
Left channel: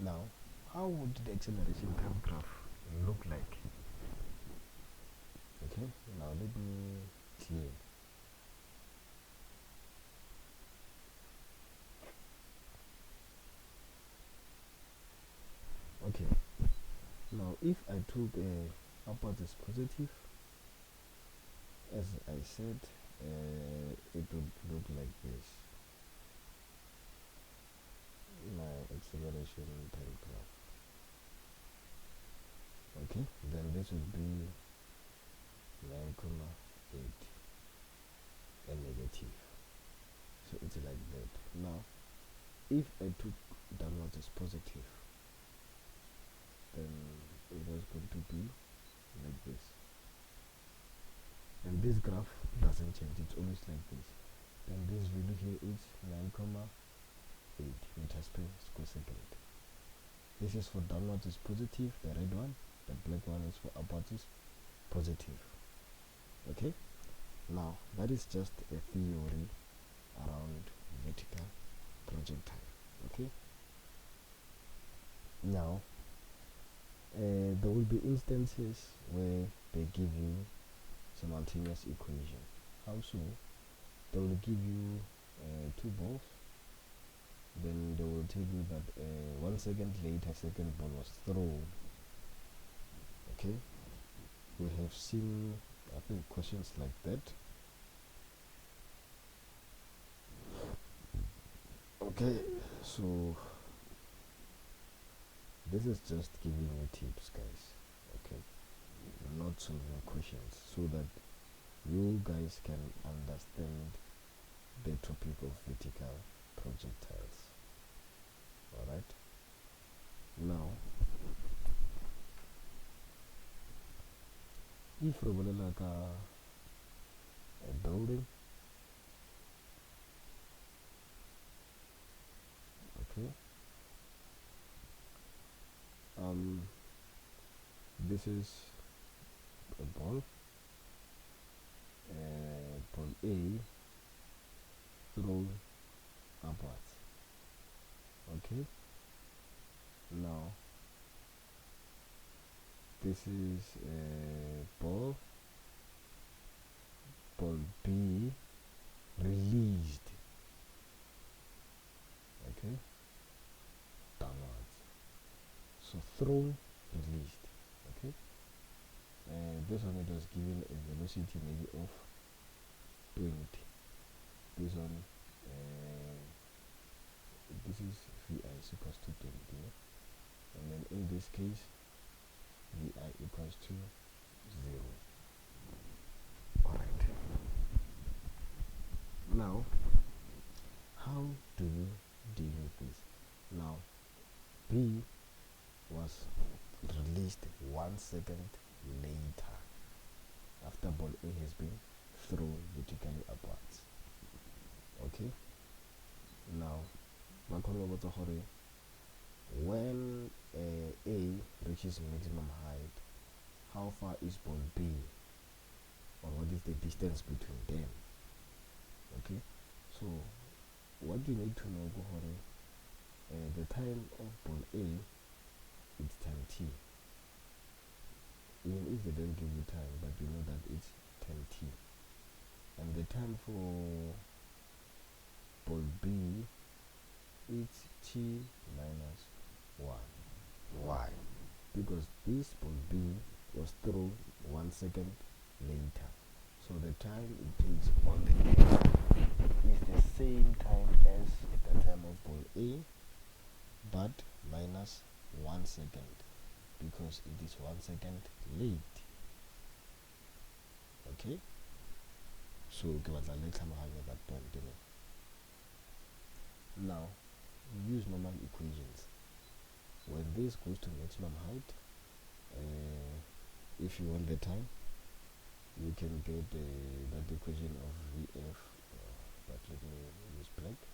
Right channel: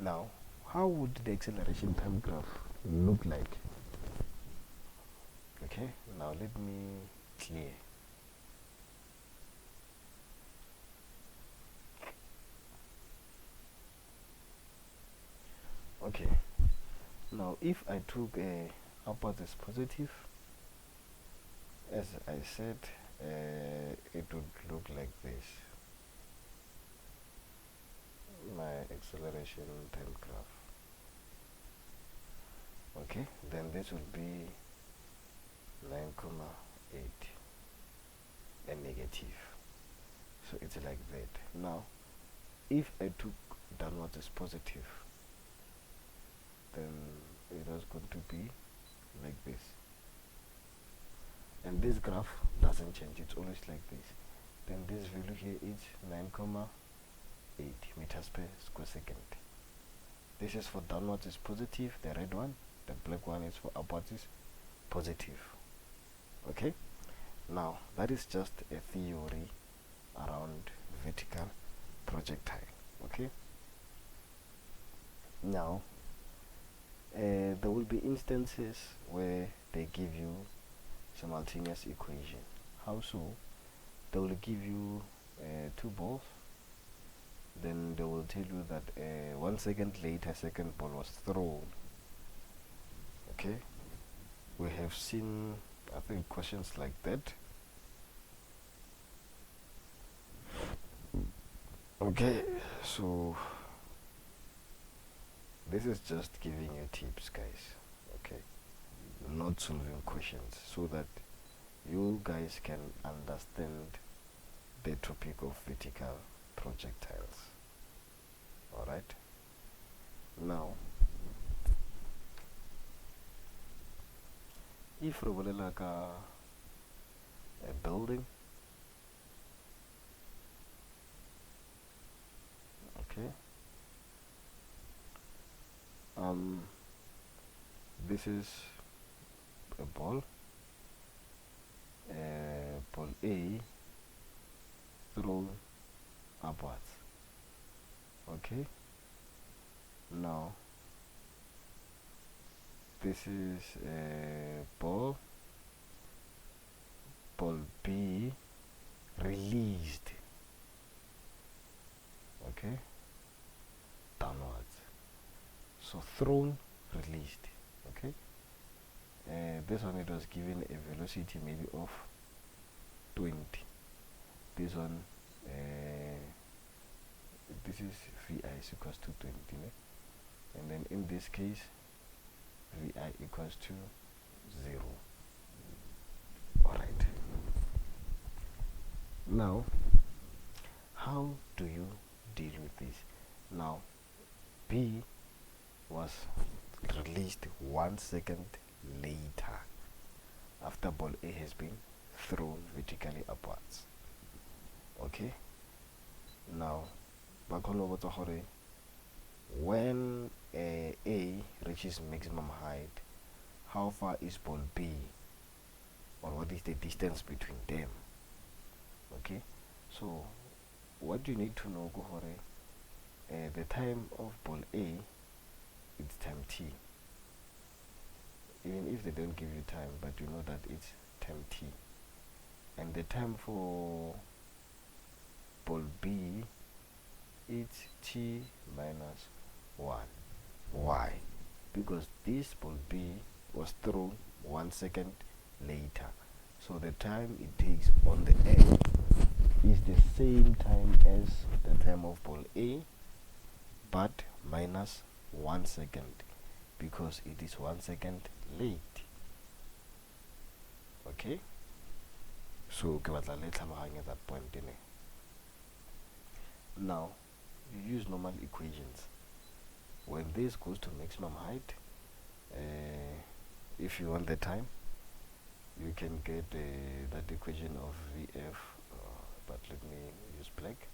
now how would the acceleration time graph look like? Okay, now let me clear. if I took upwards as positive, as I said, it would look like this. My acceleration time graph. Okay, then this would be 9,8 and negative. So it's like that. Now, if I took downwards as positive, then it was going to be like this. And this graph doesn't change, it's always like this. Then this value here is 9,8 meters per square second. This is for downwards is positive, the red one. The black one is for upwards is positive. Okay, now that is just a theory around vertical projectile. Okay, now there will be instances where they give you simultaneous equation. How so? They will give you two balls, then they will tell you that 1 second later second ball was thrown. Okay, we have seen, I think, questions like that. Okay, so this is just giving you tips, guys. Okay, not solving questions, so that you guys can understand the topic of vertical projectiles. Alright, now if we will like a building, okay, this is a ball, ball A thrown upwards. Okay, now this is a ball B released, okay, downwards. So thrown, released. Okay, this one, it was given a velocity maybe of 20. This one, this is Vi is equals to 20, and then in this case Vi equals to 0. Alright, now how do you deal with this? Now B was released 1 second later after ball A has been thrown vertically upwards. Okay, now when A reaches maximum height, how far is ball B, or what is the distance between them? Okay, so what you need to know, the time of ball A, it's time t. Even if they don't give you time, but you know that it's time t. And the time for ball B, it's t minus 1. Why? Because this ball B was thrown 1 second later. So the time it takes on the end is the same time as the time of ball A, but minus 1 second, because it is 1 second late. Okay, so at that point. Now you use normal equations. When this goes to maximum height, if you want the time, you can get that equation of Vf, but let me use black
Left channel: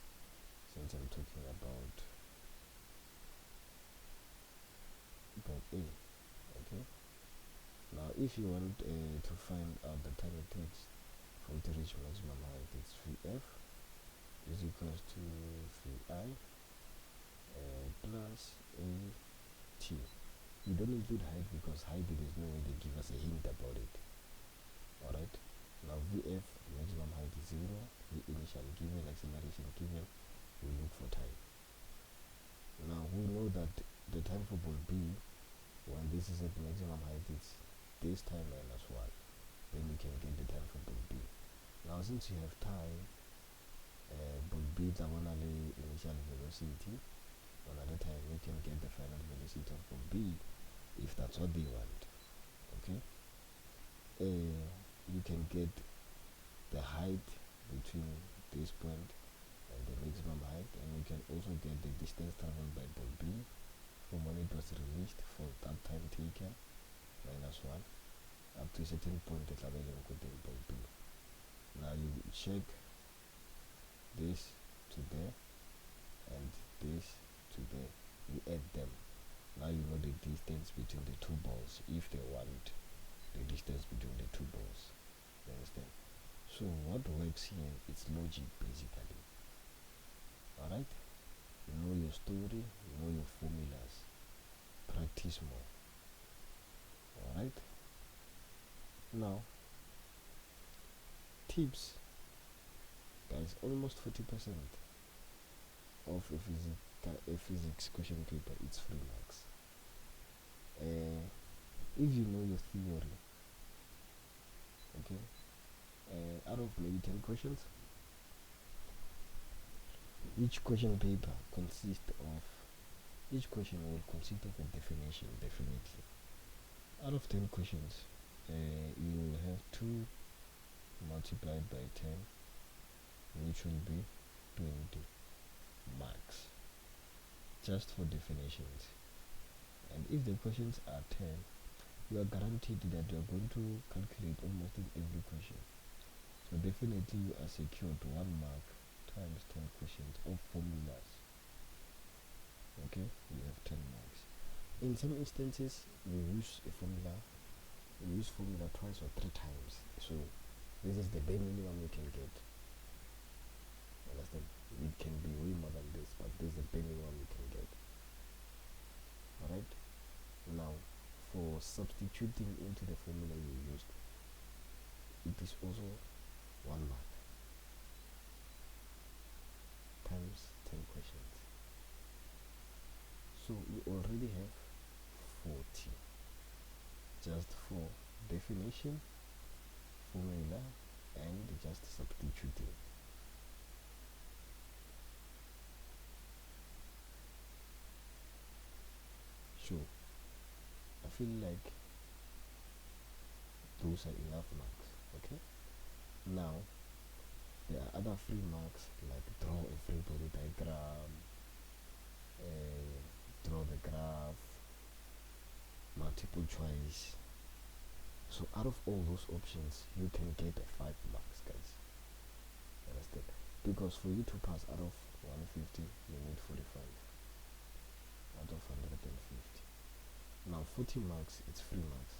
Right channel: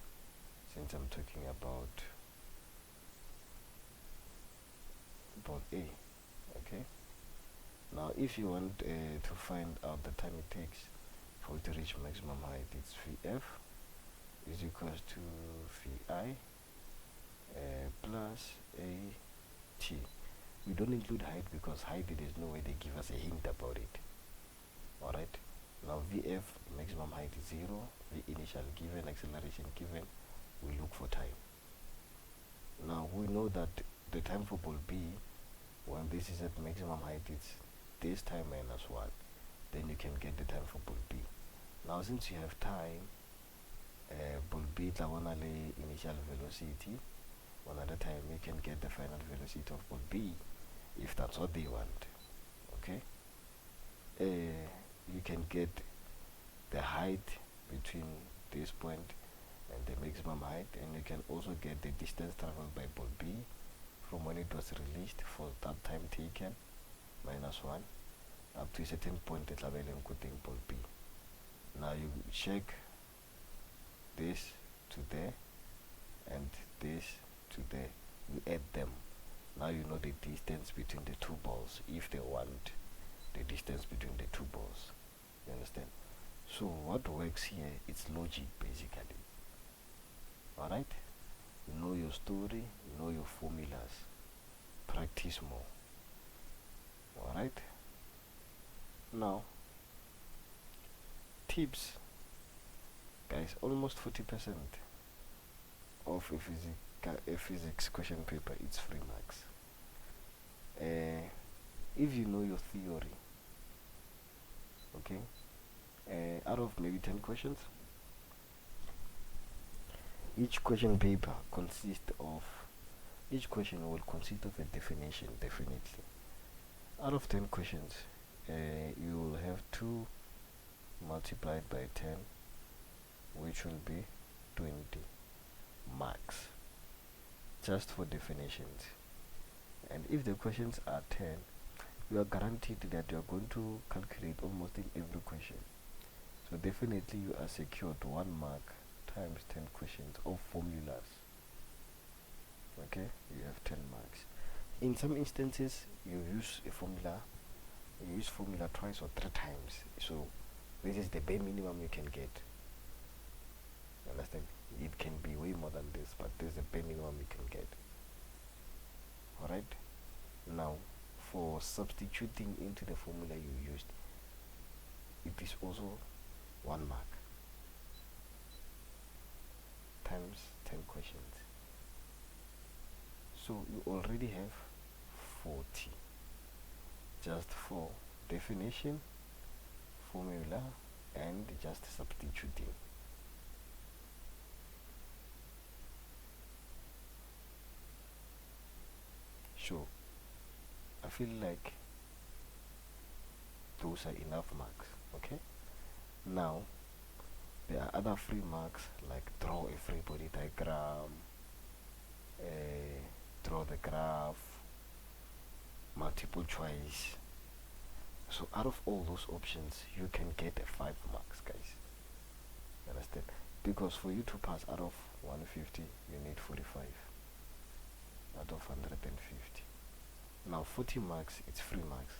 since I'm talking about ball A. Okay, now if you want to find out the time it takes for it to reach maximum height, it's Vf is equals to Vi plus At. We don't include height because height, there is no way they give us a hint about it. Alright, now Vf maximum height is 0, the initial given, acceleration given, we look for time. Now we know that the time for ball B When this is at maximum height, it's this time minus 1. Then you can get the time for ball B. Now since you have time, ball B is the initial velocity. Another time you can get the final velocity of ball B if that's what they want. Okay, you can get the height between this point and the maximum height, and you can also get the distance traveled by ball B from when it was released for that time taken minus 1 up to a certain point at ball B. Now you check this to there and this to there, you add them. Now you know the distance between the two balls if they want the distance between the two balls. You understand? So what works here, it's logic basically. Alright? Know your story, know your formulas, practice more. Alright? Now, tips. Guys, almost 40% of a physics question paper, it's 3 marks. If you know your theory, okay, out of maybe 10 questions, each question will consist of a definition, definitely. Out of 10 questions, you will have 2 multiplied by 10, which will be 20 marks just for definitions. And if the questions are 10, you are guaranteed that you are going to calculate almost in every question. So definitely you are secured 1 mark times 10 questions of formulas. Okay, you have 10 marks. In some instances, you use formula twice or 3 times. So this is the bare minimum you can get. Understand? It can be way more than this, but this is the bare minimum you can get. Alright? Now, for substituting into the formula you used, it is also 1 mark times 10 questions. So you already have 40 just for definition, formula, and just substituting. So I feel like those are enough marks. Okay, now there are other free marks like draw a free body diagram, draw the graph, multiple choice. So out of all those options, you can get 5 marks, guys. Understand? Because for you to pass out of 150, you need 45 out of 150. Now 40 marks, it's 3 marks.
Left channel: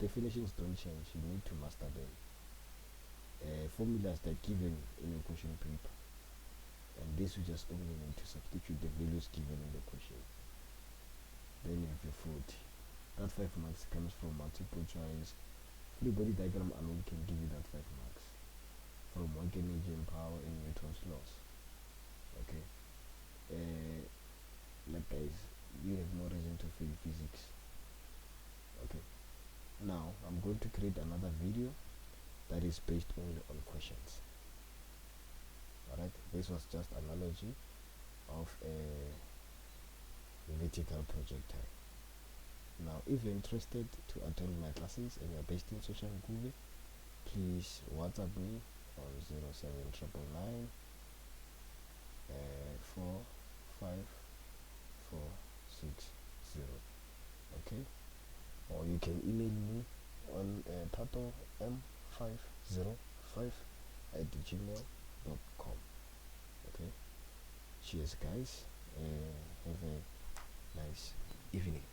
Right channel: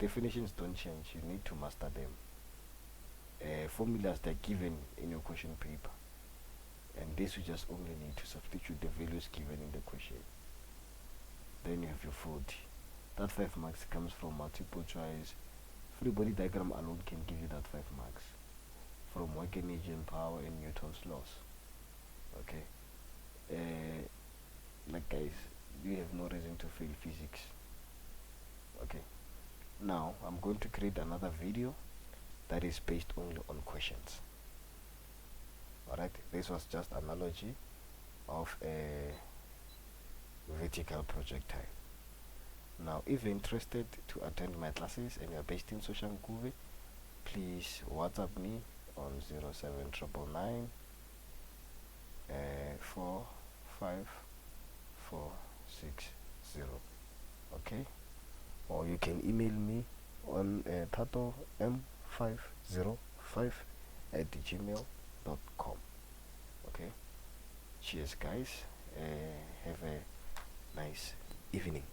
Definitions don't change, you need to master them. Formulas that are given in your question paper, and this you just only need to substitute the values given in the question. Then you have your 40. That 5 marks comes from multiple choice. Free body diagram alone can give you that 5 marks from working agent power and Newton's laws. Okay, like guys, you have no reason to fail physics. Okay, now I'm going to create another video that is based only on questions. Alright, this was just analogy of a vertical projectile. Now if you're interested to attend my classes and you're based in Soshanguve, please WhatsApp me on 07999 45460. Okay, or you can email me on tatom505@gmail.com. Okay, cheers guys, have a nice evening.